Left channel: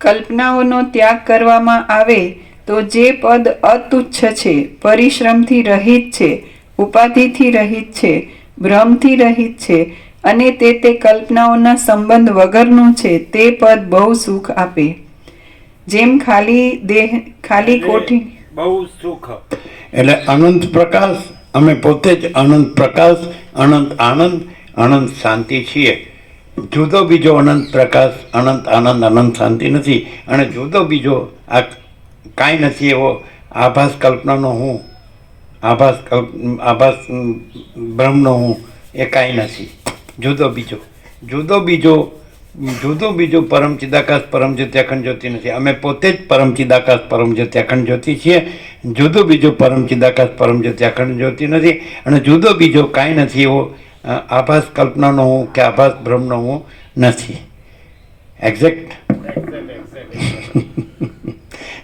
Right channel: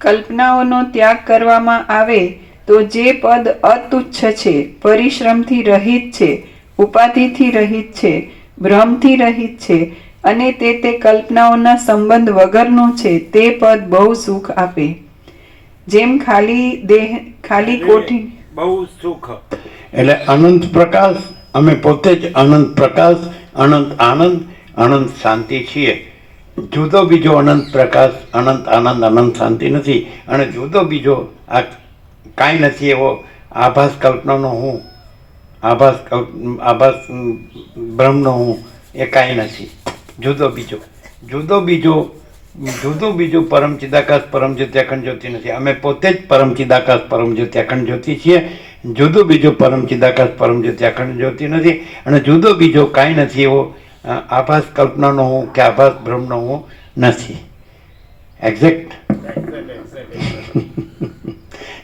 કલ્પનાઓનો ત્યાગ કરવામાં આવે તો જે પદ અતુચ્છ છે, પરિશ્રમથી રહિત છે, ઉપાધિથી રહિત છે, ભ્રમથી રહિત છે અને તે કલ્પનાઓના સંબંધ વગરનું છે, તે પદ બહુ સુખ આપે. જેમ ખાલી કોઠી બહુ સુખ એટલે અનંત પ્રકાશ, અમે પોતે જ અનંત પ્રકાશ, અનંત આનંદ, અનંત શાંતિ છીએ. જુદો બીજો અનંત પ્રકાશ, અનંત આનંદ, અનંત શાંતિ નથી. અને જુદો બીજો આ કાંઈ નથી એવો આભાસ કલ્પનાનો હું, આભાસ બ્રહ્મનો હું, એ કાંઈ નથી. જુદો બીજો પરમ ચિદાકાશ પરમ જ્યોતિ અખંડ જ્યોતિ નથી. અમે પોતે જ પરમ ચિદાકાશ પરમ જ્યોતિ અખંડ જ્યોતિ છીએ. જુદો બીજો પરમ ચિદાકાશ પરમ જ્યોતિ અખંડ જ્યોતિ નથી. અને જુદો બીજો કાંઈ નથી એવો આભાસ કલ્પનાનો હું કે આભાસ બ્રહ્મનો હું નથી. એક્ઝેક્ટ.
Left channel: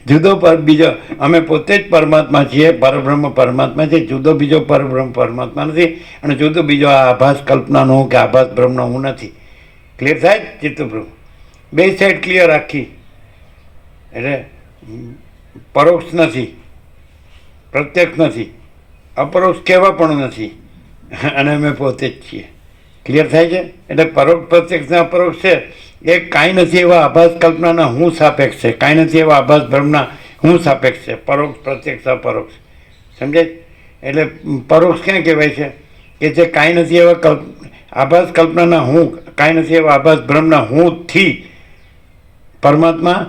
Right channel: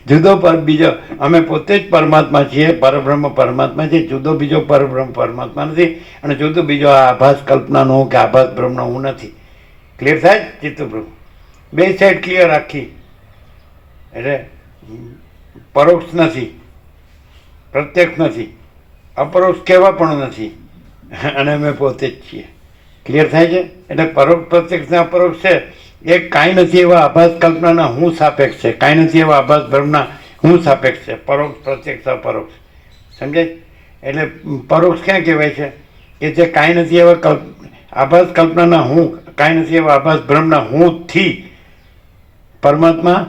જુદો પર બીજો, અમે પોતે જ પરમાત્મા છીએ, પરબ્રહ્મ પરમાત્મા છે. જુદો બીજો પરબ્રહ્મ પરમાત્મા નથી. અને જુદો બીજો આ આભાસ કલ્પનાનો હું કે આભાસ બ્રહ્મનો હું નથી. ક્લિયર થાય ચિત્તપ્રભુ? બે સાઈડ ક્લિયર રાખી. એટલે પરોક્ષ નથી, પ્રત્યક્ષ નથી, અપરોક્ષ કહેવા પણ નથી. અને અમે પોતે જ છીએ. ક્લિયર થાય છે? એટલે પરોક્ષ પ્રત્યક્ષ ને અપરોક્ષ છે એ કાંઈ નથી એવા આભાસ કલ્પનાના હું સાપેક્ષ છે, કાંઈ નથી એવા આભાસ બ્રહ્મના હું સાપેક્ષ છે. પરોક્ષ પ્રત્યક્ષ અપરોક્ષ. સમજાય? એટલે પરોક્ષ ક્યાં કહેવાય છે? કે જે કાંઈ નથી એવા આભાસ કલ્પનાના હું, કાંઈ નથી એવા આભાસ બ્રહ્મના હુંથી પરમાત્મા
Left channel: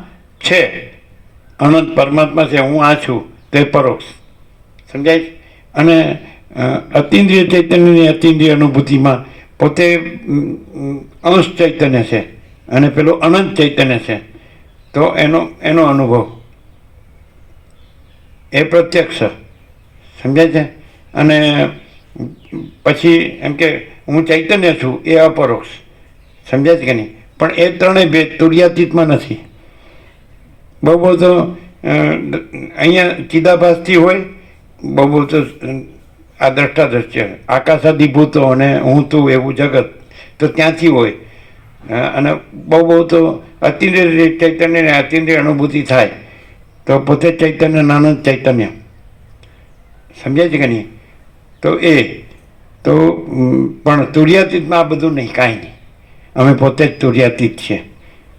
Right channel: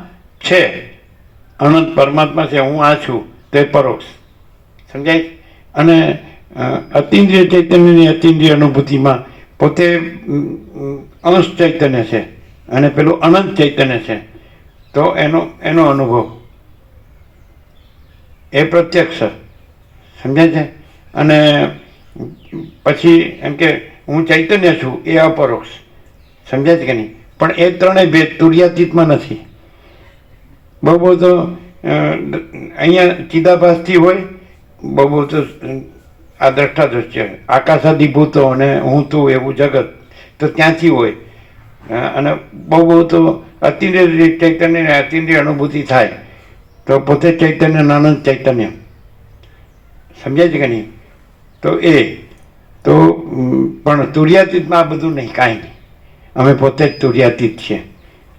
છે, અનંત પરમાત્મા છે, હું આ છું, તે પરોક્ષ. સમજાય? અને અતિન્દ્રિય ચૈતન્યની અતિન્દ્રિય અનુભૂતિમાં પોતે અંશ ચૈતન્ય છે અને પેલું અનંત ચૈતન્ય છે. તો એનો અનુભવ એ પ્રત્યક્ષ. સમજાય છે? અને પછી એમ કે હું ચૈતન્ય છું એ અપરોક્ષ. સમજાય છે કે નહીં? પણ એ ત્રણેય ભેદ તુર્યાતીતમાં નથી. બહુ તો અહીંયા ચિદાભાસથી હોય, બહુ તો આ દ્રષ્ટા દ્રશ્ય આકાશાદિભૂતો અને હું તું એવું જગત તો ત્યાંથી હોય. અને બહુ તો અતિન્દ્રિય ચૈતન્ય ને અતિન્દ્રિય અનુભૂતિ થાય તો પોતે ચૈતન્ય નાનંદ ચૈતન્ય. સમજાય છે કે નહીં? તો તો પણ તુર્યાતીતમાં આ બધું નહીં, કાંઈ નહીં. અમે પોતે જ તુર્યાતીત છીએ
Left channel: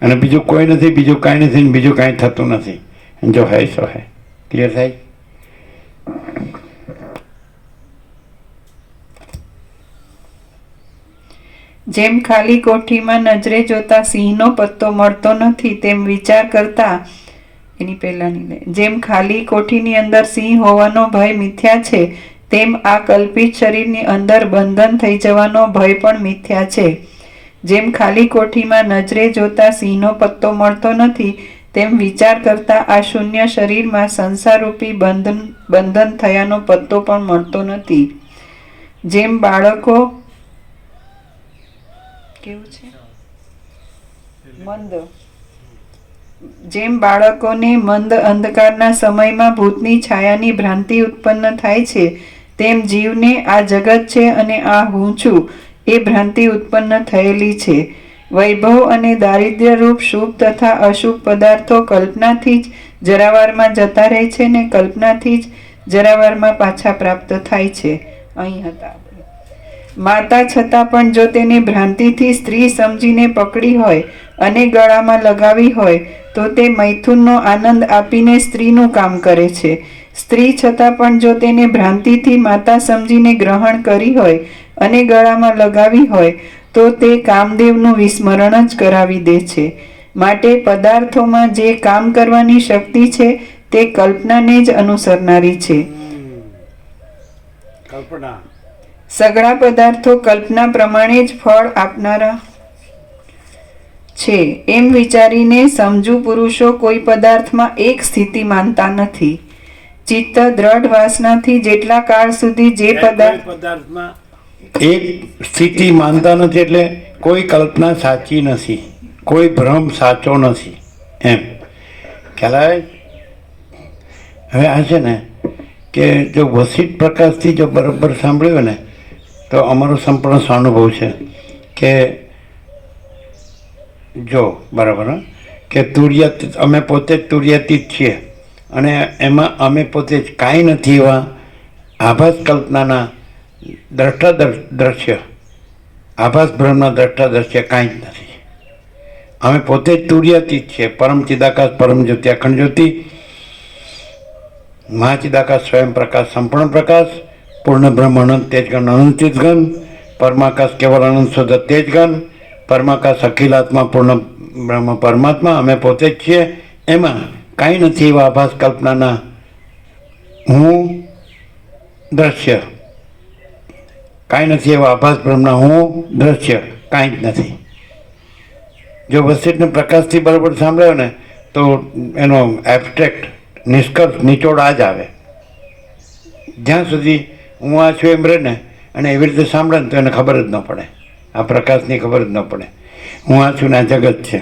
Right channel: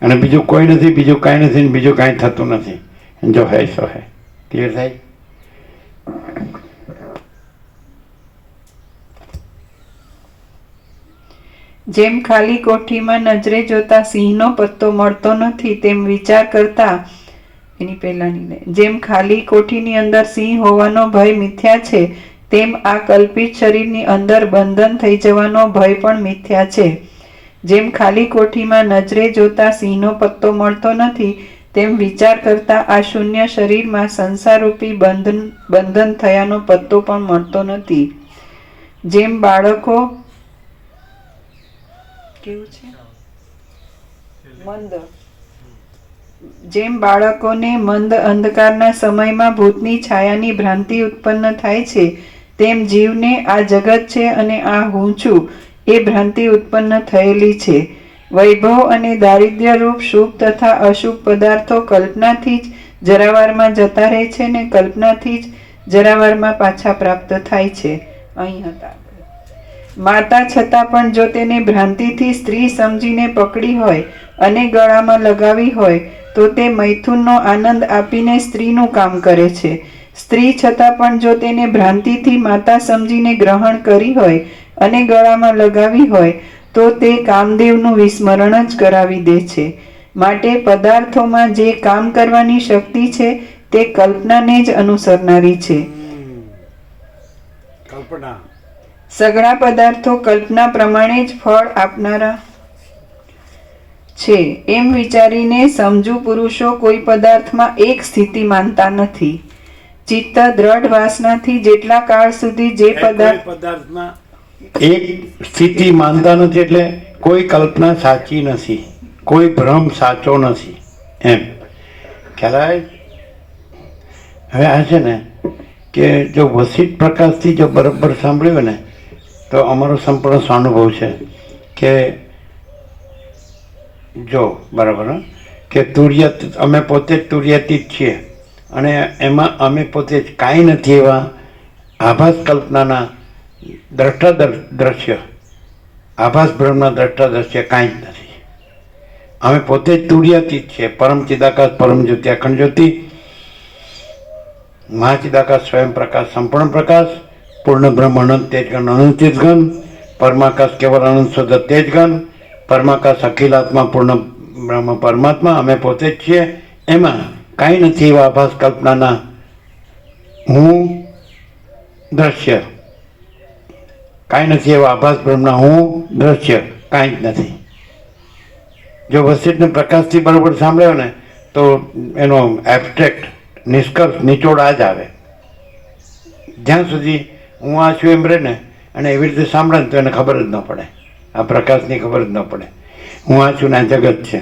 અને બીજું કોઈ નથી, બીજું કાંઈ નથી, બીજું કાંઈ થતું નથી. જો હે સો હે. ક્લિયર થાય? જેમ ખાલી કોઠીમાં નજરે જોતા સિંહનો પત્તો મળતો નથી, તેમ વિચાર કરતા જેમ ખાલી કોઠીની અંદર સિંહ હોવાનો ભય મિથ્યા છે, તેમ આ કલ્પિત શરીરની અંદર બંધન થઈ જવાનો ભય પણ મિથ્યા છે. જેમ ખાલી કોઠીમાં નજરે જોતા સિંહનો પત્તો મળતો નથી, તેમ વિચાર કરતા આ શૂન્ય શરીરમાં સંસારરૂપી બંધન થયાનો પત્તો પણ મળતો નથી. જેમ બાળકો જેમ બાળકોને મંદ અંધકારના સમયમાં ભૂતની છાયાની ભ્રાંતિ ઉત્પન્ન થાય છે, તેમ જીવને આ જગત છે અને આ હું છું એ ભ્રાંતિ ઉત્પન્ન થયેલી છે. વૈભવ અને દારિદ્ર્ય રૂપ શુભ તથા અશુભ પદાર્થો કલ્પનાથી જ જરાવારમાં જતા રહે છે ને કલ્પનાથી જ જરાવારમાં પાછા પ્રાપ્ત થાય છે. અહીં હતા માતા, છતાં પણ જો તેને ભ્રાંતિથી સ્ત્રી સમજીને પકડી હોય અને ગળામાં લગાવી હોય તો તે મૈથુનનો આનંદ આપીને સ્ત્રીનું કામ કરે છે. સ્ત્રી છતાં પણ જો તેને ભ્રાંતિથી માતા સમજીને ગ્રહણ કરી હોય અને ગળામાં લગાવી હોય તો તે કામદેવનું વિસ્મરણ જ કરાવી દે છે. માટે પદાર્થોમાં જે કામ કરવાની શક્તિ છે તે કલ્પનાને જ અનુસરનારી છે. કલ્પના સઘળા પદાર્થો કલ્પના પ્રમાણે જ ફળ આપનારા છે એમ વિચારીને સમજુ પુરુષો કોઈ પદાર્થમાં એક સ્થિતિ માનતા નથી. ચિત્ત દ્રઢ વાસનાથી જેટલા કાળ સુધી જે પદાર્થમાં એક સ્થિતિ માનતા નથી, એટલે કોઈ કલ્પના સાચી નથી, કોઈ ભ્રમ સાચો નથી. એમ ખ્યાલ આવે? હવે આ છે ને કે જો વસિત પ્રકાશથી જો બરાબર સાંભળ્યું ને તો અમારો સંપૂર્ણ સ્વાનુભવ છે કે જો બરાબર કે તુર્યત અમે પોતે જ તુર્યાતીત છીએ અને એમાં અમે પોતે જ કાંઈ નથી એવા આભાસ કલ્પનાના દ્રશ્ય આભાસ બ્રહ્મના દ્રષ્ટા કાંઈ જ નથી. અમે પોતે જ તુર્યાતીત છીએ. પરમ ચિદાકાશ પરમ જ્યોતિ અખંડ જ્યોતિ મહાચિદાકાશ સ્વયં પ્રકાશ સંપૂર્ણ પ્રકાશ પૂર્ણ બ્રહ્મ અનંત તેજગણ અનંત તેજગણ પરમાકાશ કેવળ અનંત શુદ્ધ તેજગણ પરમાકાશ અખિલાત્મા પૂર્ણ બ્રહ્મ પરમાત્મા અમે પોતે જ છીએ. એમાં કાંઈ નથી એવા આભાસ કલ્પનાના હું દ્રશ્ય કાંઈ નથી એવા આભાસ બ્રહ્મના હું દ્રશ્ય કાંઈ જ નથી. જો વસિષ્ઠને પ્રકાશથી બરાબર સાંભળ્યો ને તો એનો એબ્સ્ટ્રેક્ટ નિષ્કર્ષ નિચોડ આ જ આવે. જ્યાં સુધી હું આ છું એમ રહે ને અને એવી રીતે સાંભળે ને તો એને ખબર જ ન પડે, આ પ્રકાશની ખબર જ ન પડે હું આ છું ને આ જગત છે.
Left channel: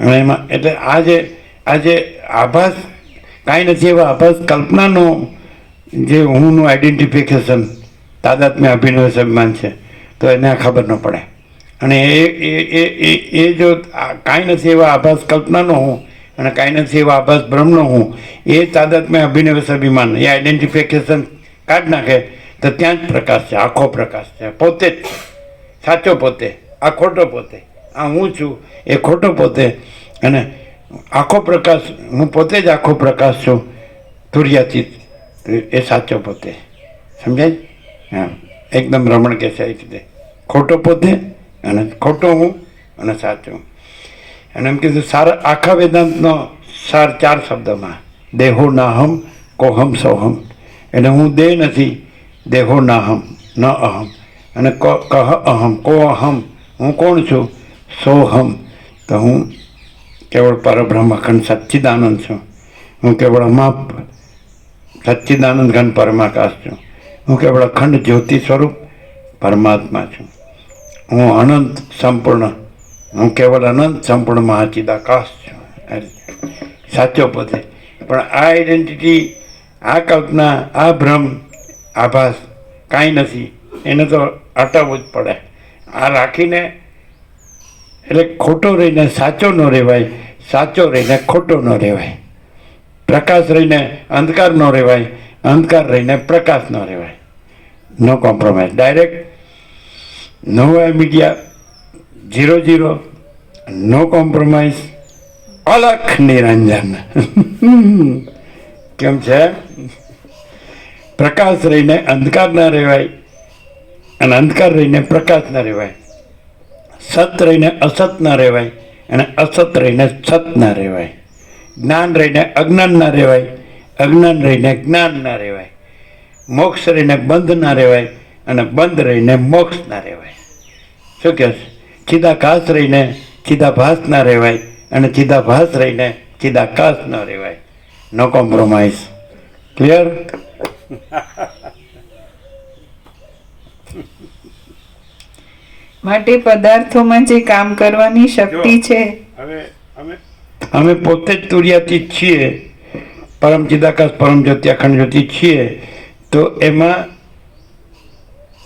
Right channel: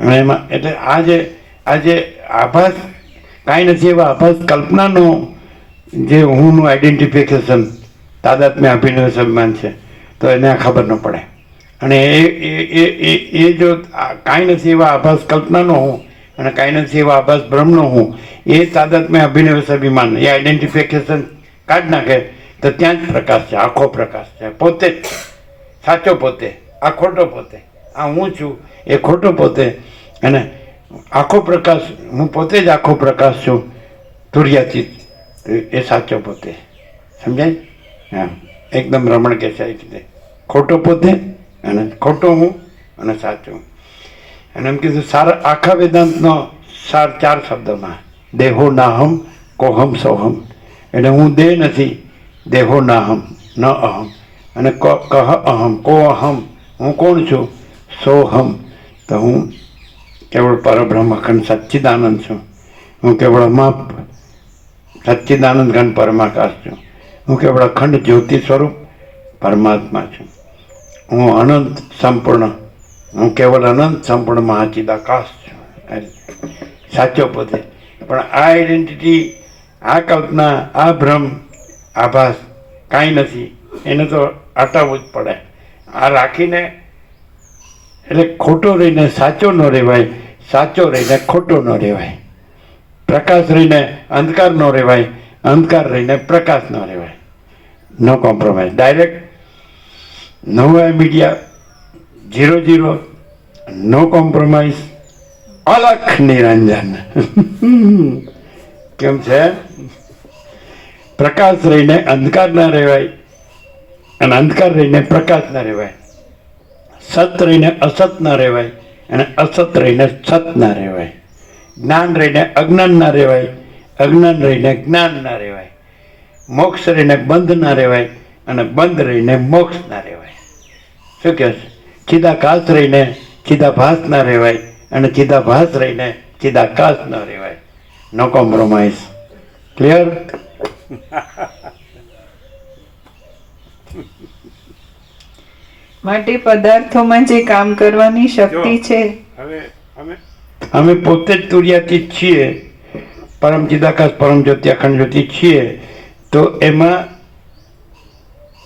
અને એમાં એટલે આજે આભાસ કાંઈ નથી એવા આભાસ કલ્પનાનો જે હુંનું આઈડેન્ટિફિકેશન તાદાત્મ્ય અભિનવ અભિમાન છે તો એને આ ખબર ન પડે. અને એ જો કાંઈ નથી એવા આભાસ કલ્પનાનો હું અને કાંઈ નથી એવા આભાસ બ્રહ્મનો હું એ તાદાત્મ્ય અભિનવ અભિમાન એ આઈડેન્ટિફિકેશન કાઢી નાખે તો ત્યાં જ પ્રકાશ છે, આખો પ્રકાશ છે. પોતે જ સાચો પોતે, આ ખોટો પોતે, આ હું છું એ ખોટો પોતે અને આખો પ્રકાશ હું પોતે જ આખો પ્રકાશ છું તુર્યાતીત એ સાચો પોતે. સમજાય? હા, એકદમ રમણ કે છે એ રીતે ખોટો પોતે અને ખોટો હું અને સાચો. અને એમ કીધું સારા આખા વેદાંતનો સાર 4 શબ્દોમાં દેહો નાહમ કોહમ સોહમ. એટલે હું દેહ નથી, દેહો નાહમ ન અહમ અને કહ અહમ કો અહમ હું કોણ છું સોહમ તો હું કેવળ પરબ્રહ્મ અખંડ સચ્ચિદાનંદ છું. હું કેવળ અમાપ સચ્ચિદાનંદ ઘન પરમાકાશ છું. હું કેવળ અખંડ જ્યોતિ સ્વરૂપ પરમાત્મા છું. હું અનંત સંપૂર્ણ, હું કેવળ અનંત સંપૂર્ણ મહાચિદાકાશ છું. સાચો પોતે. પણ આ આઈડેન્ટિટી, આ કલ્પના, આ ભ્રમ, આભાસ કાંઈ નથી એને તો હટાવવું જ પડે. આ રાખીને એટલે ખોટો રહીને સાચો ન રહેવાય, સાચો રહીને ખોટો ન રહેવાય, પ્રકાશ રહીને અંધકાર ન રહેવાય, અંધકાર રહીને પ્રકાશ ન રહેવાય. નો કોમ્પ્રોમાઇઝ, ડાયરેક્ટ નો મીડિયા 0-0, નો કોમ્પ્રોમાઇઝ, અલખ નિરંજન. કેમ છે? પ્રકાશ રહીને અંધકાર ના રહેવાય અને અંધકાર રહીને પ્રકાશ ના રહેવાય, સત રહીને અસત ના રહેવાય અને અસત રહીને સત ના રહેવાય, જ્ઞાન રહીને અજ્ઞાન ના રહેવાય, અજ્ઞાન રહીને જ્ઞાન ના રહેવાય, મોક્ષ રહીને બંધ ના રહેવાય અને બંધ રહીને મોક્ષ ના રહેવાય. શું કહે છે? ચિદાકાશ રહીને ચિદાભાસ ના રહેવાય અને ચિદાભાસ રહીને ચિદાકાશ ન રહેવાય. No compromise. ક્લિયર? માટે પદાર્થોમાં જે કામ કરવાની શક્તિ છે, હવે અમે પોતે જ તુર્યાતીત છીએ, પરમ ચિદાકાશ પરમ જ્યોતિ અખંડ જ્યોતિ છીએ તો એમાં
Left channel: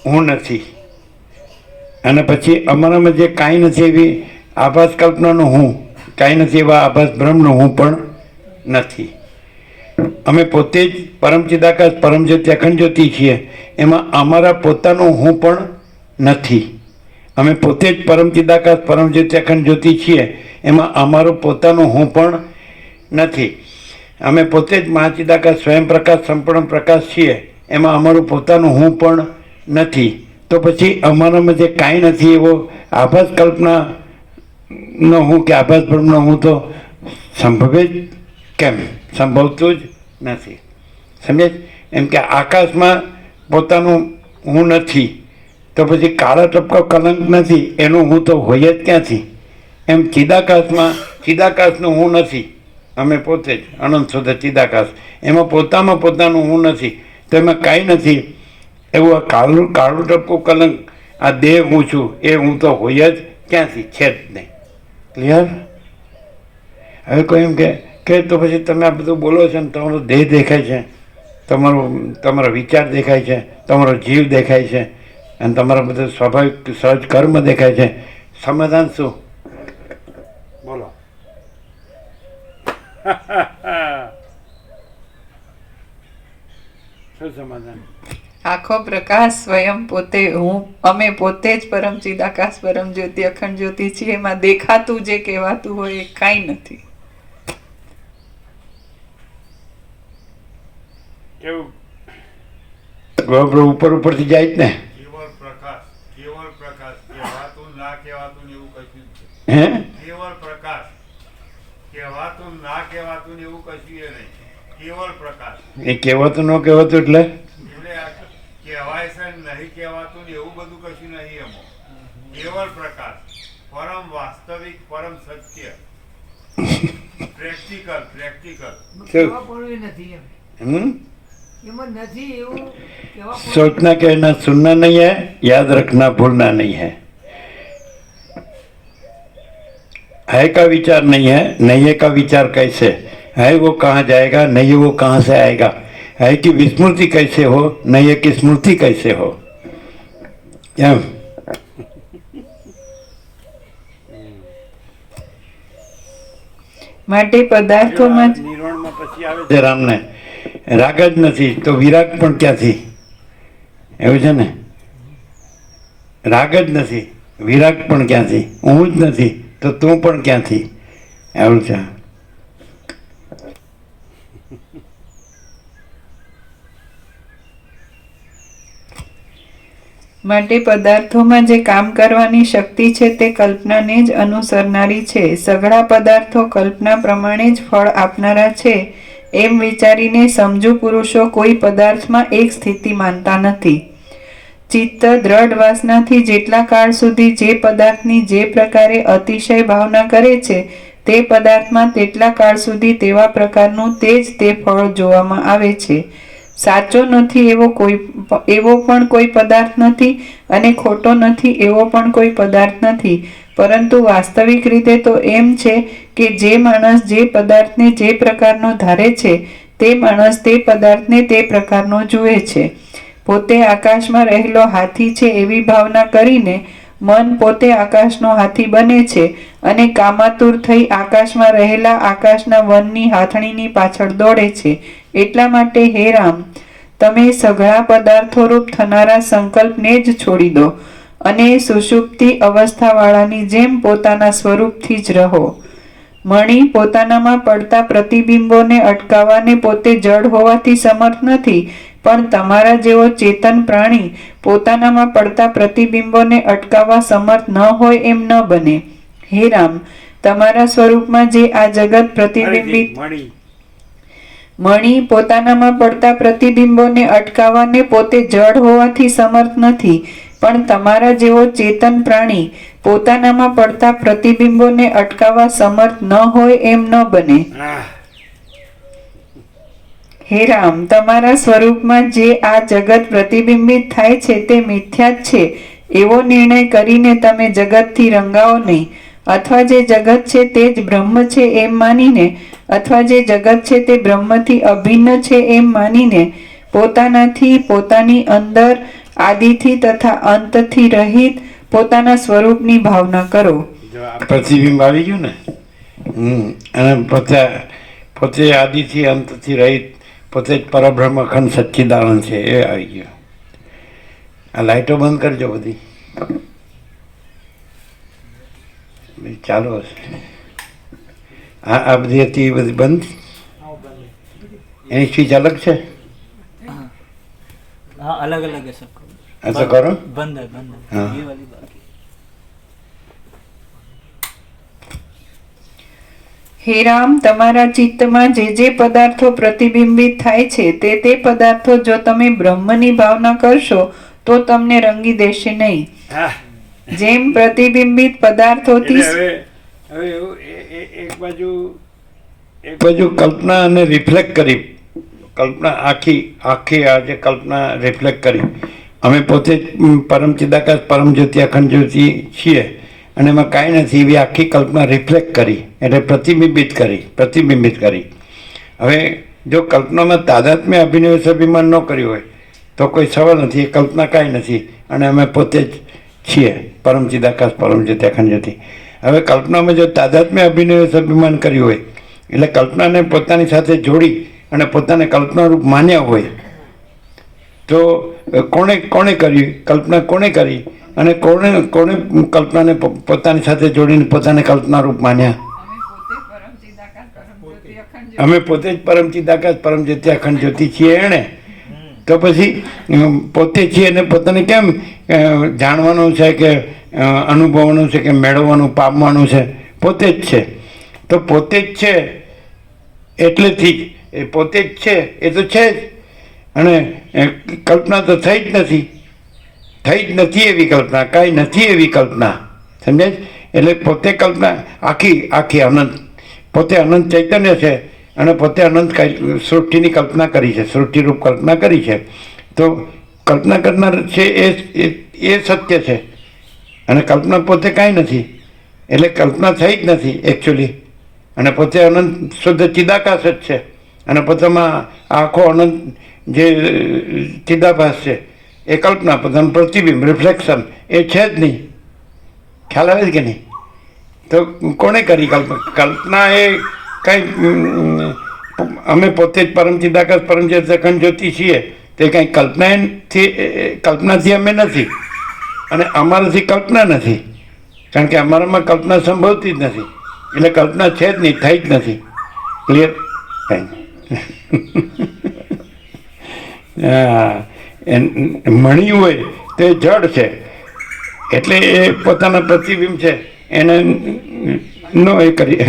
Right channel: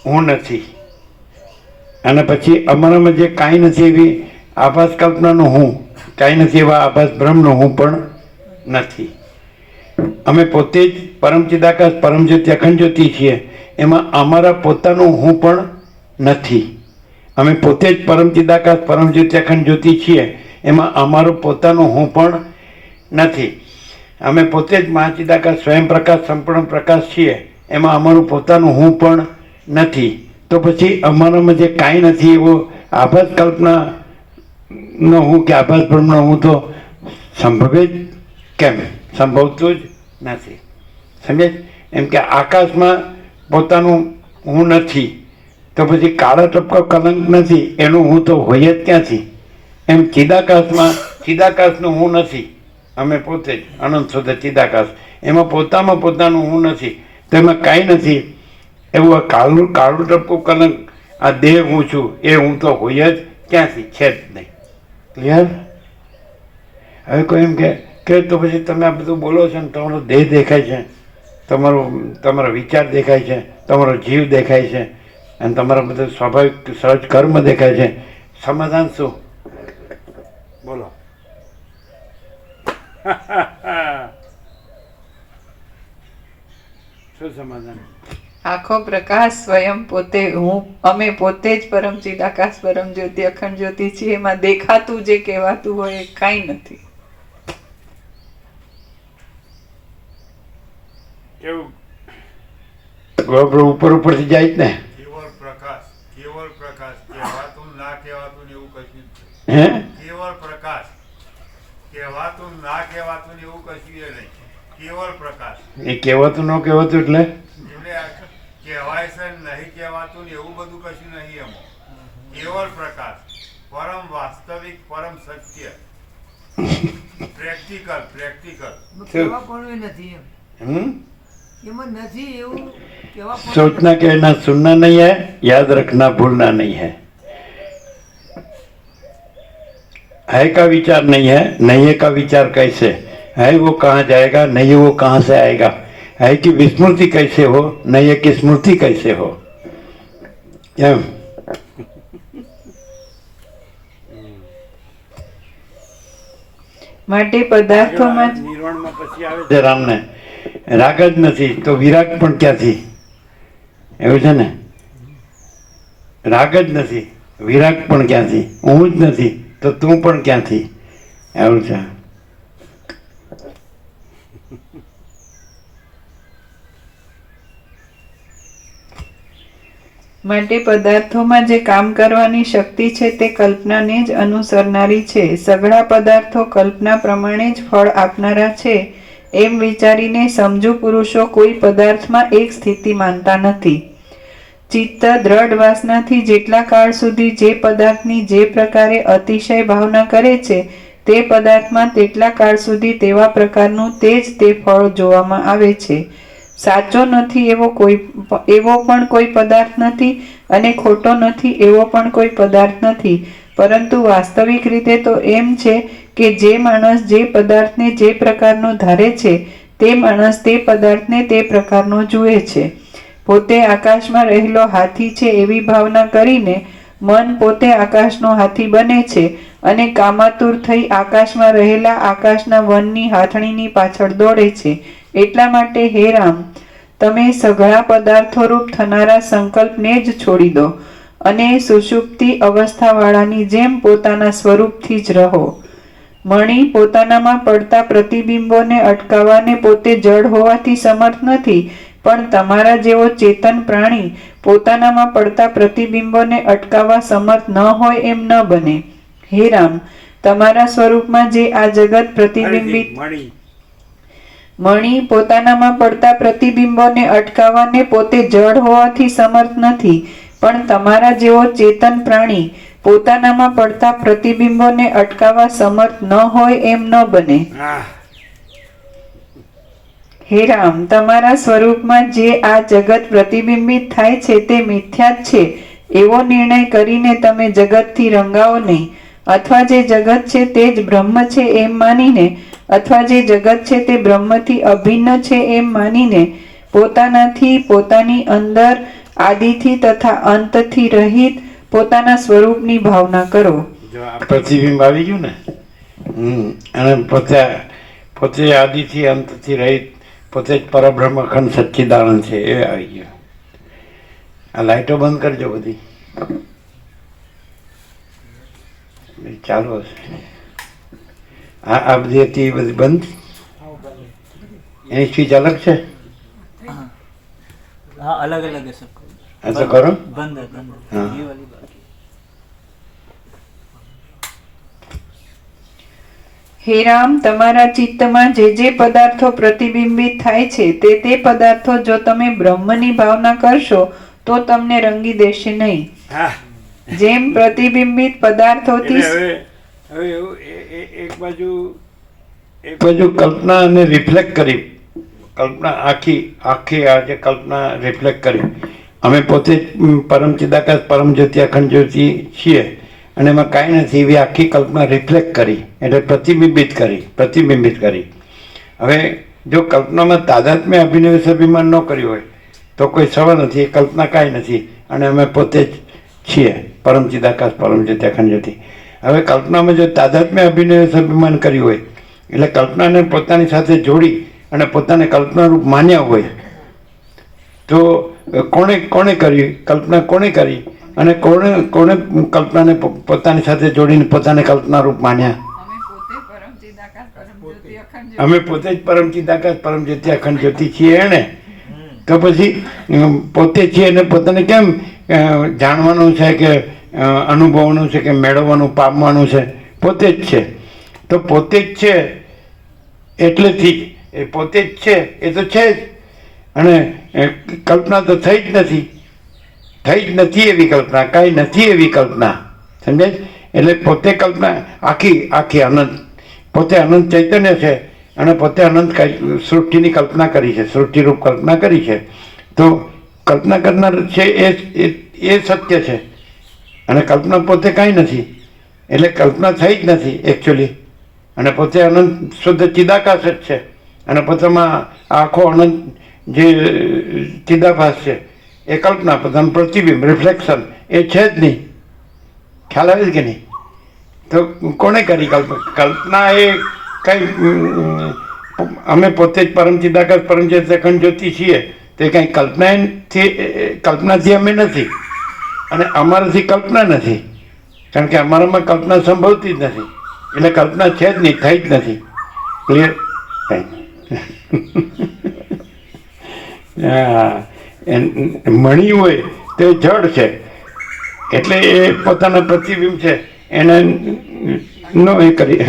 હું નથી. અને પછી અમારામાં જે કાંઈ નથી એવી આભાસ કલ્પનાનો હું, કાંઈ નથી એવા આભાસ બ્રહ્મનો હું પણ નથી. અમે પોતે જ પરમ ચિદાકાશ પરમ જ્યોતિ અખંડ જ્યોતિ છીએ, એમાં અમારા પોતાનું હું પણ નથી. અમે પોતે જ પરમ ચિદાકાશ પરમ જ્યોતિ અખંડ જ્યોતિ છીએ, એમાં અમારો પોતાનું હું પણ નથી. અમે પોતે જ મહાચિદાકાશ સ્વયં પ્રકાશ સંપૂર્ણ પ્રકાશ છીએ, એમાં અમારું પોતાનું હું પણ નથી. તો પછી અમારામાં જે કાંઈ નથી એવો આભાસ કલ્પનાનો હું કે આભાસ બ્રહ્મનો હું તો સંભવે જ કેમ? સંભવતું જ નથી. સમજે? એમ કે આકાશમાં પોતાનું હું નથી તો પછી કાળા ટપકા કલંક નથી એનું હું તો હોય જ ક્યાંથી? એમ ચિદાકાશમાં ચિદાકાશનું હું નથી, અમે પોતે જ અનંત શુદ્ધ ચિદાકાશ, એમાં પોતાનું હું નથી તો એમાં કાંઈ નથી એવું આ કાળું ટપકું કલંક, આ દેહ હું છું એ હું તો હોય જ ક્યાંથી? છે જ નહીં. ક્લિયર? હવે કોઈ એમ કે તો પછી તમે આ બધું બોલો છો ને તમારો દેહ દેખાય છે, તમારો વિચાર દેખાય છે, તમારો જીવ દેખાય છે અને તમારા બધા સ્વાભાવિક સહજ કર્મ દેખાય છે. સમાધાન શું? બોલો. શું સમાધાન? આખો પ્રકાશ સ્વયં પોતે હું અમે પોતે જ પરમ ચિદાકાશ પરમ જ્યોતિ અખંડ જ્યોતિ છીએ. એમાં દેખાતું જે કહેવાતું હોય એ કાંઈ નથી. કેવું ઉપર ઉપરથી જાય જ ને. કેવળ પ્રકાશ કહેવાતું ના કહેવાતું ને એવું કશું જ હે નહીં. કેવળ પ્રકાશ કહેવાતું ના કહેવાતું ને એવું કશું એ નહીં. કેવળ પ્રકાશ એ કહેવાતું ન કહેવાતું એટલે એટલે આ કહેવાય છે ને નહીં કહેવાતું ને એવું બધું કશું નહીં એમાં. કેવળ પ્રકાશ, પરમ વાસ્તવિક, પરમ સત્ય, પ્રેક્ટિકલ. કેવા પણ નથી એમ હમ એમાં નથી એવું કેવા પણ सोचना कहना सुनना नहीं है, याद रखना भूलना नहीं है. है का विचार नहीं है, नहीं है का विचार कैसे है, वो कहाँ जाएगा, नहीं वो कहाँ से आएगा. है कि विस्मृति कैसे हो, नहीं है कि स्मृति कैसे हो. एम માટે પદાર્થોમાં જ નિર્વાણમાં પછી આવે છે રામને રાગ જ નથી તો વિરાગ પણ ક્યાંથી? એવું છે ને, રાગ જ નથી વિરાગ પણ ક્યાંથી? હું જ નથી તો તું પણ ક્યાંથી? એવું છે. માટે પદાર્થોમાં જે કામ કરવાની શક્તિ છે તે કલ્પનાને જ અનુસરનારી છે. સઘળા પદાર્થો કલ્પના પ્રમાણે જ ફળ આપનારા છે એમ વિચારીને સમજુ પુરુષો કોઈ પદાર્થમાં એક સ્થિતિ માનતા નથી. ચિત્ત દ્રઢ વાસનાથી જેટલા કાળ સુધી જે પદાર્થની જે પ્રકારે અતિશય ભાવના કરે છે તે પદાર્થમાં તેટલા કાળ સુધી તેવા પ્રકારનું તે જ તે ફળ જોવામાં આવે છે. સાચો નથી એવો પણ કોઈ પદાર્થ નથી અને ખોટો નથી એવો પણ કોઈ પદાર્થ નથી, પરંતુ વાસ્તવિક રીતે તો એમ છે કે જે માણસ જે પદાર્થને જે પ્રકારનો ધારે છે તે માણસ તે પદાર્થને તે પ્રકારનો જુએ છે. પોતે આકાશમાં રહેલો હાથી છે એવી ભાવના કરીને મન પોતે આકાશનો હાથી બને છે અને કામાતુર થઈ આકાશમાં રહેલા આકાશના વનની હાથણીની પાછળ દોડે છે. એટલા માટે હે રામ, તમે સઘળા પદાર્થોરૂપ થનારા સંકલ્પને જ છોડી દો અને સુષુપ્તિ અવસ્થાવાળાની જેમ પોતાના સ્વરૂપથી જ રહો. મણિ પોતાનામાં પડતા પ્રતિબિંબોને અટકાવવાને પોતે જડ હોવાથી સમર્થ નથી, પણ તમારા જેવો ચેતન પ્રાણી પોતાનામાં પડતા પ્રતિબિંબોને અટકાવવા સમર્થ ન હોય એમ ન બને. હે રામ, તમારા સ્વરૂપમાં જે આ જગત પ્રતિબિંબિત મણિ પોતાનામાં પડતા પ્રતિબિંબોને અટકાવવાને પોતે જડ હોવાથી સમર્થ નથી, પણ તમારા જેવો ચેતન પ્રાણી પોતાનામાં પડતા પ્રતિબિંબોને અટકાવવા સમર્થ ન હોય એમ ન બને. હે રામ, તમારા સ્વરૂપમાં જે આ જગત પ્રતિબિંબિત થાય છે તે મિથ્યા જ છે એવો નિર્ણય કરીને તમે જગતથી રંગાઓ નહીં, અથવા જે જગત છે તે જ બ્રહ્મ છે એમ માનીને, અથવા જે જગત છે તે બ્રહ્મથી અભિન્ન છે એમ માનીને પોતાનાથી, પોતાની અંદર, આદિથી તથા અંતથી રહિત પોતાના સ્વરૂપની ભાવના કરો. પ્રતિબિંબ આવી ગયું ને, અને પોતે આદિથી અંતથી રહિત, પોતે જ પરબ્રહ્મ અખંડ સચ્ચિદાનંદ છે એ આવી ગયું. આ લાઈટો બંધ કરજો બધી, ચાલુ હશે. આ બધી હતી એ બધી બંધ, એની સ્વિચ અલગ છે. हाँ अलग अलग है सबका. ऐसा करो. बंद है हाँ. ये वाली बाकी. હે રામ, તમારા ચિત્તમાં જે જે પદાર્થો પ્રતિબિંબિત થાય છે તે પદાર્થો જો તમે બ્રહ્મની ભાવના કરશો તો તમને રંગી દેશે નહીં. જેમ પ્રતિબિંબિત પદાર્થોથી હવે એવું એક બાજુ કલ્પના અને રિફ્લેક્ટ કરી, કલ્પના આખી આજે કલ્પના રિફ્લેક્ટ કરી. અમે પોતે જ પરમ ચિદાકાશ પરમ જ્યોતિ અખંડ જ્યોતિ છીએ અને એમાં કાંઈ નથી એવી આખી કલ્પના રિફ્લેક્ટ કરી, એટલે પ્રતિબિંબિત કરી. હવે જો કલ્પનામાં તાદાત્મ્ય અભિનિવેશ અભિમાન ન કર્યું હોય તો કોઈ સવાલ નથી, એ કલ્પના કાંઈ નથી અને અમે પોતે જ છીએ પરમ ચિદાકાશ પરમ જ્યોતિ અખંડ જ્યોતિ. હવે કલ્પનામાં જો તાદાત્મ્ય અભિનિવેશ અભિમાન કર્યું હોય એટલે કલ્પનાને પોતાની સાથે જોડી અને પોતાને કલ્પનારૂપ માન્યા હોય તો કોણે કરી કલ્પના કોણે કરી અને કોણે કલ્પનાને પોતાની સાથે જોડીને પોતાને કલ્પનારૂપ માન્યા? અમે પોતે જ પરમ ચિદાકાશ પરમ જ્યોતિ અખંડ જ્યોતિ છીએ એણે. તો પછી પોતે છીએ અને પોતાને કેમ જાણવાનું છે કે અનુભવવાનું છે કે મેળવવાનું પામવાનું છે? પોતે જ છે. તો પોતે જ છે એટલેથી જ એ પોતે જ છે, એ તો છે જ. અને કલ્પના તો થઈ જ નથી એવી કલ્પના, કાંઈ નથી એવી કલ્પના. સમજાય? એટલે પોતે કલ્પના આખી અનંત, પોતે અનંત ચૈતન્ય છે અને પોતે અનંત સૃષ્ટિની કલ્પના કરી છે, સૃષ્ટિરૂપ કલ્પના કરી છે. તો કલ્પના કરનાર છે એ સત્ય છે અને કલ્પના પોતે કાંઈ નથી. એટલે કલ્પના થઈ જ નથી એકચ્યુઅલી. અને પોતે અનંત શુદ્ધ ચિદાકાશ જ છે અને પોતામાં આખો અનંત જે ચિદાભાસ છે એ કલ્પના, પોતાનું પ્રતિબિંબ, રિફ્લેક્શન એ છે જ નહીં. ખ્યાલ આવે છે કે નહીં? તો કોણે કરી કલ્પના? એ કંઈ અમે પોતે જ પરમ ચિદાકાશ પરમ જ્યોતિ અખંડ જ્યોતિ છીએ તે કંઈ કલ્પનાથી અમે નથી અને અમારાથી કલ્પના નથી, કારણ કે અમારામાં કલ્પના સંભવતી જ નથી. એટલે કલ્પના છે જ નહીં, થઈ જ નથી. ક્લિયર? મણી હોય તો એ જડ છે એટલે એ પોતાના પ્રતિબિંબ છે એને નો એ કરી.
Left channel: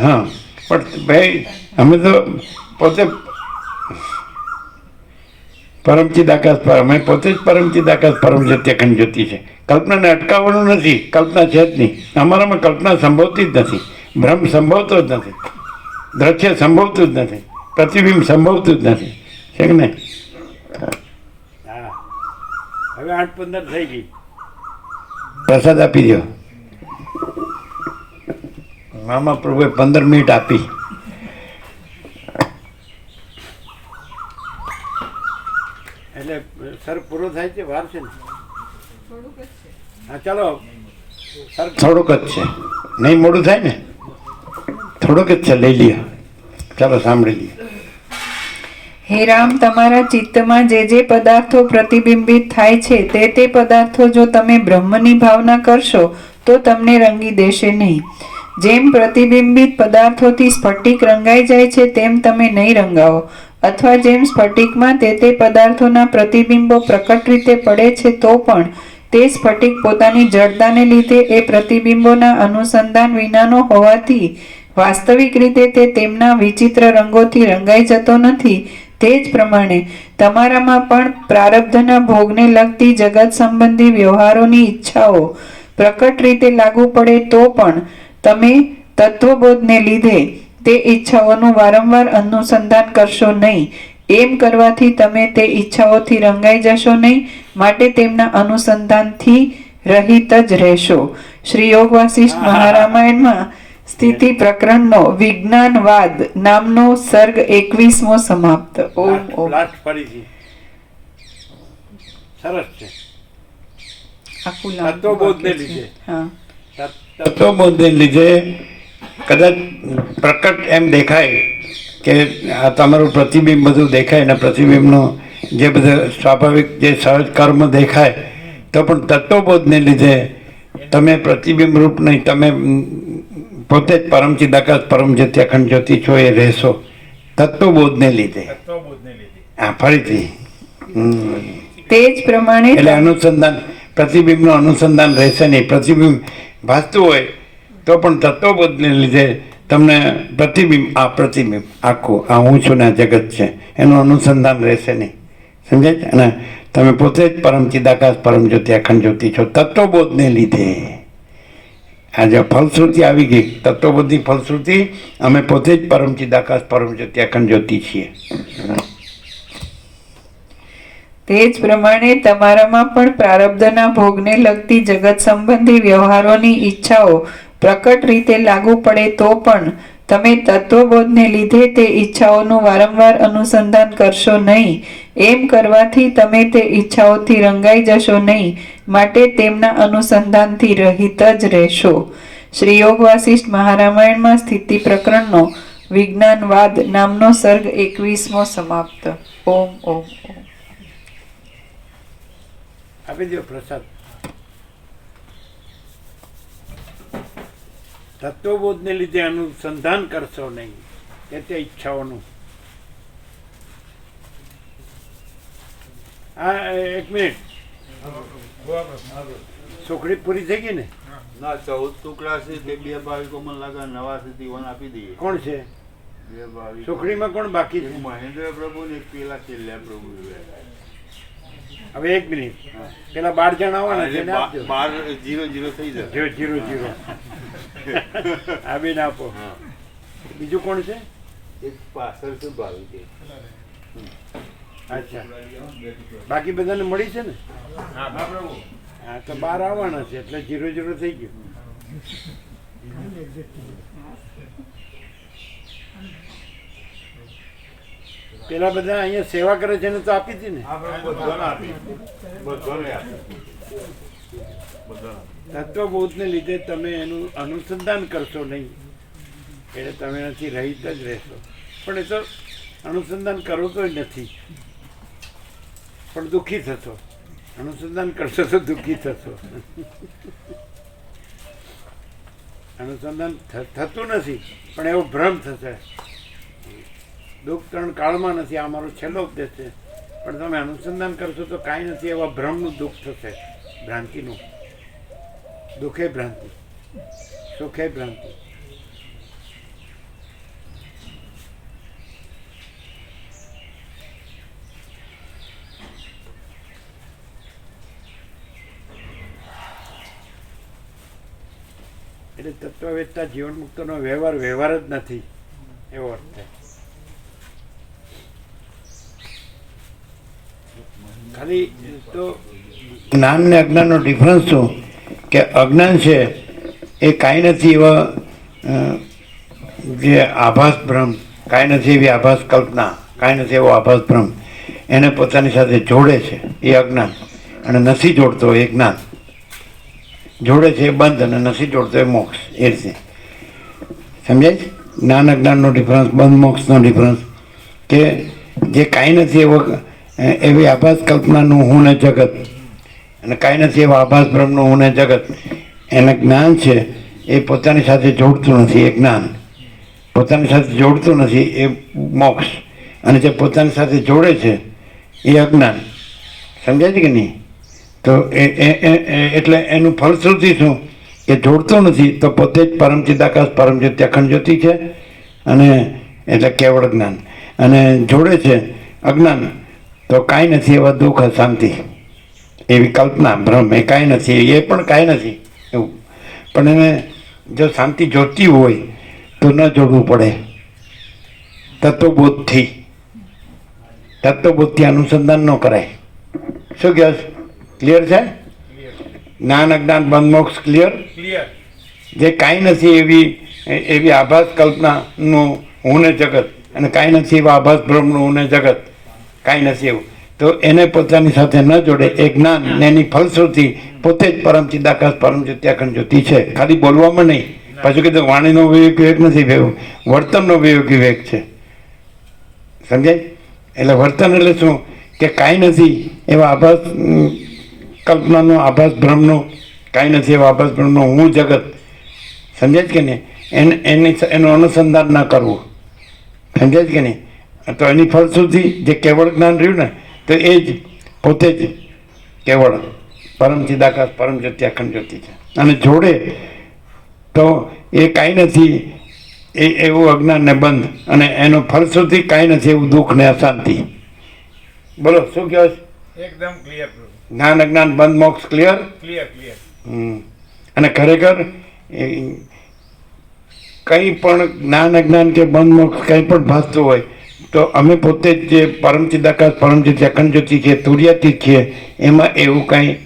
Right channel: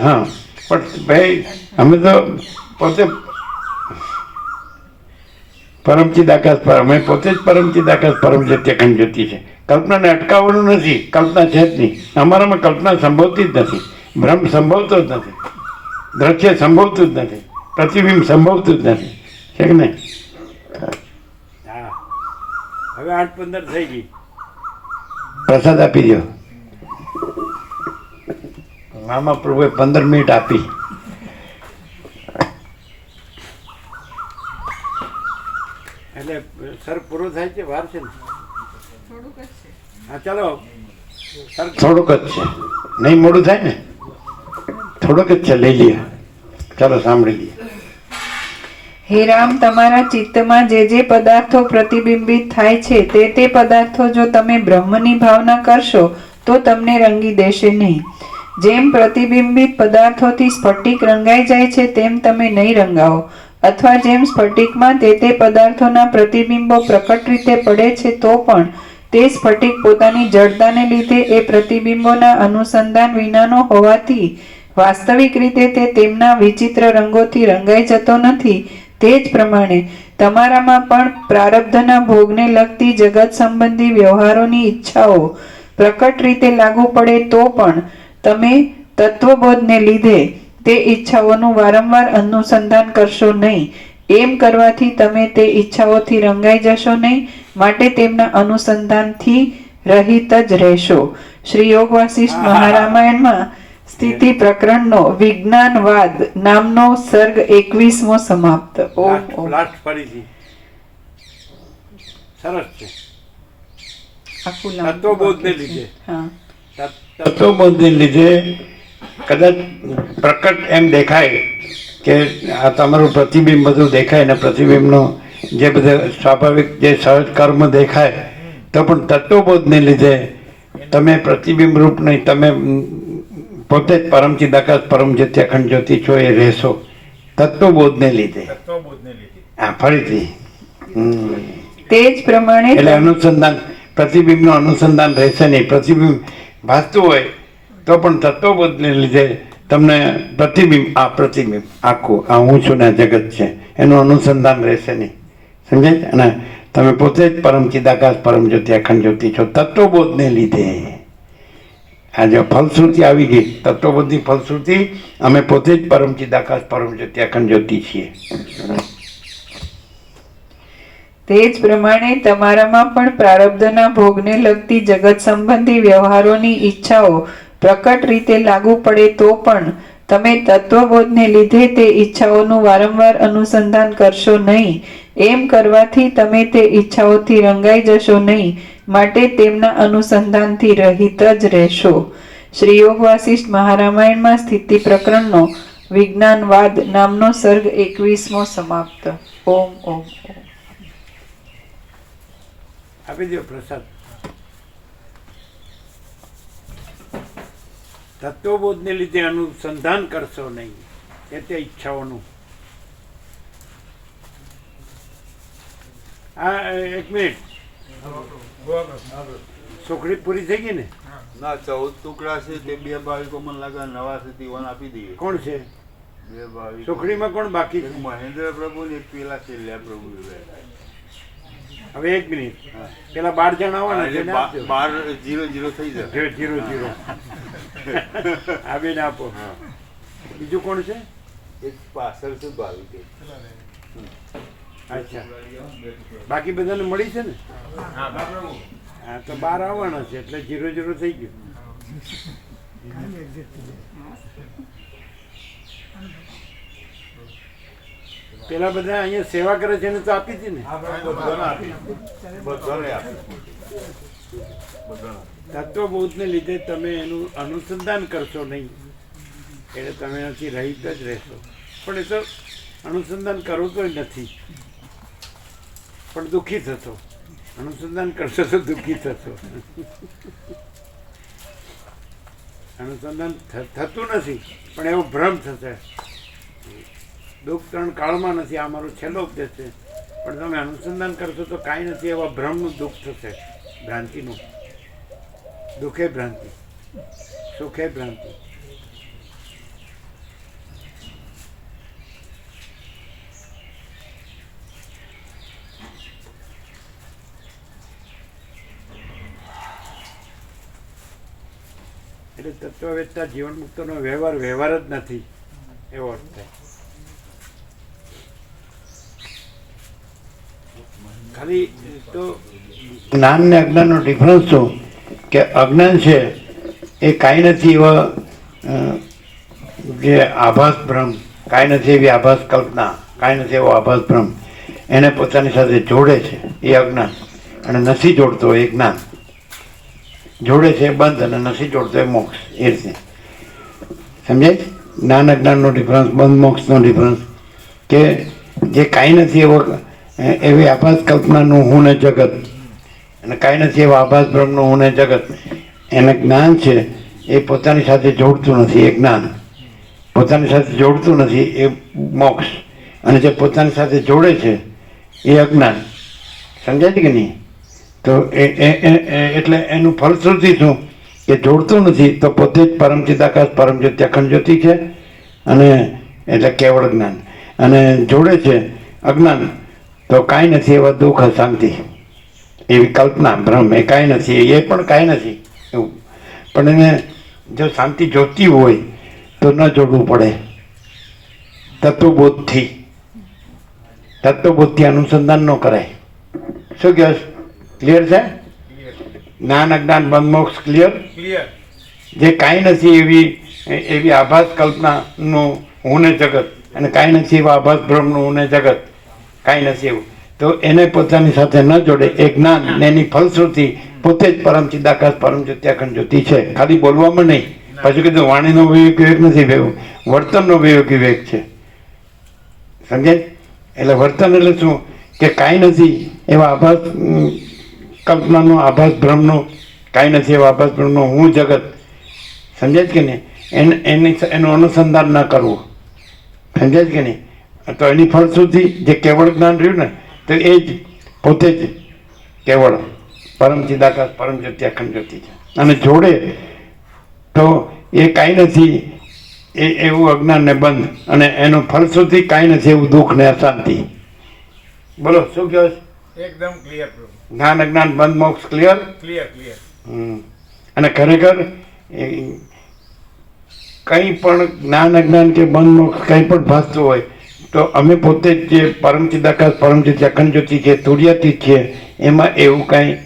હા, પણ ભાઈ અમે તો પોતે પરમચિદ આકાશ પર, અમે પોતે જ પરમચિદ આકાશ પરમ જ્યોતિ અખંડ જ્યોતિ છે. કલ્પનાને અટકાવવાનું નથી, કલ્પના છે જ નહીં. અમારામાં કલ્પના સંભવતી જ નથી, ભ્રમ સંભવતો જ નથી, દ્રશ્ય સંભવતું જ નથી, પ્રતિબિંબ સંભવતું જ નથી. છે કે નહીં? હા, હવે 8:15 થઈ ગઈ. પ્રસાદ આપી દો. મામા પ્રભુએ 15 મિનિટ આપી. એટલે સર પૂરો થાય છે, વાર છે ને? હા, ચાલો સર, થોડુંક જ છે, નહીં મોડું થાય ને? થોડુંક જ છે, લઈ લઈએ. ચાલો સાંભળી લઈએ. હે રામ, તમારા ચિત્તમાં જે પદાર્થો પ્રતિબિંબિત થાય છે તે પદાર્થો જો તમે બ્રહ્મની ભાવના કરશો તો તમને રંગી દેશે નહીં. જેમ પ્રતિબિંબિત પદાર્થોથી સ્ફટિક રંગાઈ જાય છે તેમ તમે નહીં રંગાવો. અથવા જેમ સ્ફટિકમાં તે પદાર્થોના પ્રતિબિંબો પ્રકટ રીતે પડે છે તો પણ તે સ્ફટિક પોતાની જડતાને લીધે એ પ્રતિબિંબોના અનુસંધાન વિનાનો હોવાથી વાસ્તવિક રીતે તે તેમના વિચિત્ર રંગોથી રંગાઈ જતો નથી. તે જ પ્રમાણે તમારામાં પણ પ્રારબ્ધના ભોગને લગતી જગત સંબંધી વ્યવહારોની ઈચ્છાઓ પ્રકટ રીતે લાગુ પડે તો પણ તમે તત્વબોધને લીધે તે ઈચ્છાઓનું વારંવાર અનુસંધાન કરશો નહીં. એમ કરવાથી તમે તે ઈચ્છાઓથી રંગાઈ જશો નહીં, માટે તેમના અનુસંધાનથી રહિત જ રહેશો. શ્રી યોગ વાસિષ્ઠ મહારામાયણમાં સ્થિતિ પ્રકરણનો વિજ્ઞાનવાદ નામનો સર્ગ 21મો સમાપ્ત. લાસ્ટ ફરીથી સરસ છે. તત્વબોધને લીધે, તત્વબોધને લીધે કદાચ પ્રકટ એમ દેખાય કે આ તમારું પ્રતિબિંબ બધું દેખાય ને પ્રતિબિંબનો જે બધા સ્વાભાવિક જે સહજ કર્મ દેખાય, તો પણ તત્વબોધને લીધે તમે પ્રતિબિંબ રૂપ નહીં, તમે પોતે જ પરમચિદ આકાશ પરમ જ્યોતિ અખંડ જ્યોતિ છો એ રહેશો. તત્વબોધને લીધે. હા, ફરીથી તે જ પ્રમાણે એટલે અનુસંધાન, પ્રતિબિંબનું અનુસંધાન રહેશે નહીં. પ્રતિબિંબ ભાસતું હોય તો પણ તત્વબોધને લીધે તમને પ્રતિબિંબ આખું આ હું છું ને આ જગત છે એનું અનુસંધાન રહેશે નહીં. સમજાય? અને તમે પોતે જ પરમચિદ આકાશ પરમ જ્યોતિ અખંડ જ્યોતિ છો તત્વબોધને લીધે. આ જો ફલશ્રુતિ આવી ગઈ, તત્વબોધની ફલશ્રુતિ, અમે પોતે જ પરમચિદ આકાશ પરમ જ્યોતિ અખંડ જ્યોતિ છીએ. તે જ પ્રમાણે તમારામાં પણ પ્રારબ્ધના ભોગને લગતી જગત સંબંધી વ્યવહારોની ઈચ્છાઓ પ્રકટ રીતે લાગુ પડે તો પણ તમે તત્વબોધને લીધે તે ઈચ્છાઓનું વારંવાર અનુસંધાન કરશો નહીં. એમ કરવાથી તમે તે ઈચ્છાઓથી રંગાઈ જશો નહીં, માટે તેમના અનુસંધાનથી રહિત જ રહેશો. શ્રી યોગ વાસિષ્ઠ મહારામાયણમાં સ્થિતિ પ્રકરણનો વિજ્ઞાનવાદ નામનો સર્ગ 21મો સમાપ્ત. ઓમ ઓમ ઓમ. આપી દો પ્રસાદ. તત્વબોધને લીધે અનુસંધાન કરશો નહીં તે ઈચ્છાઓનું. આ એક મિનિટ, સુખડી પૂરી થઈ ગઈ ને? ના 14 ટુકડા છે તે 2 ભાવિકો મને લાગે નવા સુધી વન આપી દઈએ. કોણ છે 2 ભાવિકો. સુખડીમાં કોણ બાકી એક છે? મહેન્દ્ર પ્રભુ ને એક પેલા છેલ્લા પ્રભુ. હવે એક મિનિટ, પેલા 12 જણ આવવાના છે ને, આપજો. 12-0-0 થઈ જશે. 0-0 આ બેન આપો. હા. બીજું કોણ છે? એક પાછળ છે ભાવિક. અચ્છા, બાકી બધાને મળી છે ને? હા, તો 12 આવવાના છે એટલે 0-0 થઈ ગયું. પેલા બધા અહીંયા સેવા કરે છે ને, તો આપી હતી ને? બધાને આપી. તત્વબોધને લીધે તમે એનું અનુસંધાન કરશો નહીં એટલે તમે નથી રહિત જ રહેશો. પણ એ તો અનુસંધાન કરો તો નથી, પણ દુઃખી થશો. અનુસંધાન કરશો તો દુઃખી થશો. અનુસંધાન થતું નથી પણ એવો ભ્રમ થશે. દુઃખ 3 કાળમાં નથી, આ મારો છેલ્લો ઉપદેશ છે. પણ તમે અનુસંધાન કરશો તો કાંઈ નથી, એવા ભ્રમનું દુઃખ થશે, ભ્રાંતિનું. દુઃખે ભ્રાંતિ, સુખે ભ્રાંતિ. એટલે તત્વવેદતા જીવન મુક્તનો વ્યવહાર જ નથી, એવો અર્થ થાય. ખાલી તો જ્ઞાન ને અજ્ઞાનનો ડિફરન્સ શું કે અજ્ઞાન છે એ કાંઈ નથી એવા જે આભાસ ભ્રમ, કાંઈ નથી એવી આભાસ કલ્પના, કાંઈ નથી એવો આભાસ ભ્રમ એને પોતાની સાથે જોડે છે એ અજ્ઞાન, અને નથી જોડતો એ જ્ઞાન. જોડે છે એ બંધ અને નથી જોડતો એ મોક્ષ. એ રીતે સમજાય છે જ્ઞાન અજ્ઞાનનો ડિફરન્સ, બંધ મોક્ષનો ડિફરન્સ. કે જે કાંઈ નથી એવો એવી આભાસ કલ્પનાનું હું ને જગત, અને કાંઈ નથી એવા આભાસ બ્રહ્મનું હું ને જગત, એને જ્ઞાન છે એ પોતાની સાથે જોડતું નથી. એ જ્ઞાન પોતાની સાથે જોડતું નથી એ મોક્ષ, અને જે પોતાની સાથે જોડે છે એ અજ્ઞાન. સમજાય છે કે નહીં? તો એટલે એનું ફલશ્રુતિ શું કે જોડતું નથી તો પોતે જ પરમ ચિદાકાશ પરમ જ્યોતિ અખંડ જ્યોતિ છે, અને એટલે કેવળ જ્ઞાન. અને જોડે છે અજ્ઞાન તો કાંઈ નથી એવા દુઃખ શાંતિ, એવી કલ્પના ભ્રમ, એ કાંઈ નથી, એ પણ કાંઈ નથી એવું. પણ એને જો શાંતિ જોતી હોય તો ન જોડવું પડે. તત્વબોધથી અનુસંધાન ન કરાય. શું કહે? ક્લિયર છે? જ્ઞાન અજ્ઞાન બંધ મોક્ષ ક્લિયર. જે કાંઈ નથી એવી આભાસ કલ્પનાનું હું ને જગત, અને કાંઈ નથી એવા આભાસ ભ્રમનું હું ને જગત, કાંઈ નથી એવું, તો એને પોતાની સાથે ન જોડે એ જ્ઞાન, ને એની ફલશ્રુતિ પોતે જ પરમ ચિદાકાશ પરમ જ્યોતિ અખંડ જ્યોતિ છે. ખાલી બોલવામાં નહીં. પાછું કીધું વાણીનો વિવેક નથી ભેગું, વર્તનનો વિવેક છે. સમજાય? એટલે વર્તન એટલે શું કે કાંઈ નથી એવા આભાસ કલ્પનાનો, આભાસ ભ્રમનો, કાંઈ નથી એવા આભાસ ભ્રમનો હું જગત. સમજાય કે નહીં? એનું અનુસંધાન ન કરવું. સમજાય કે નહીં? તો એની ફલશ્રુતિ જે કેવળ જ્ઞાન રહ્યું ને, તો એ જ પોતે જ કેવળ પરમ ચિદાકાશ પરમ જ્યોતિ અખંડ જ્યોતિ છે. અને જોડે તો એ કાંઈ નથી એવું અજ્ઞાન ને બંધ, અને એનું ફલશ્રુતિ કાંઈ નથી એવું દુઃખ ને અશાંતિ. બોલો શું કહો છો? એકદમ ક્લિયર પ્રભુ. જ્ઞાન અજ્ઞાન બંધ મોક્ષ ક્લિયર. ક્લિયર. અને ખરેખર કંઈ પણ જ્ઞાન અજ્ઞાન કે બંધ મોક્ષ કંઈ પણ ભાસતું હોય તો અમે પોતે જ જે પરમ ચિદાકાશ પરમ જ્યોતિ અખંડ જ્યોતિ છે, તુર્યાતીત છે, એમાં એવું કાંઈ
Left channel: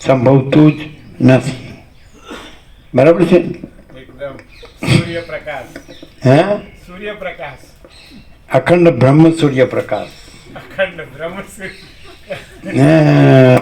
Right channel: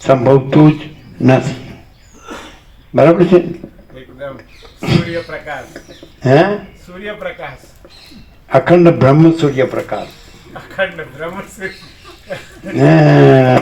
સંભવતું જ નથી. બરાબર છે? એકદમ સૂર્યપ્રકાશ. હે? સૂર્યપ્રકાશ. અખંડ બ્રહ્મ સૂર્યપ્રકાશ. અખંડ બ્રહ્મ સૂર્ય. હા,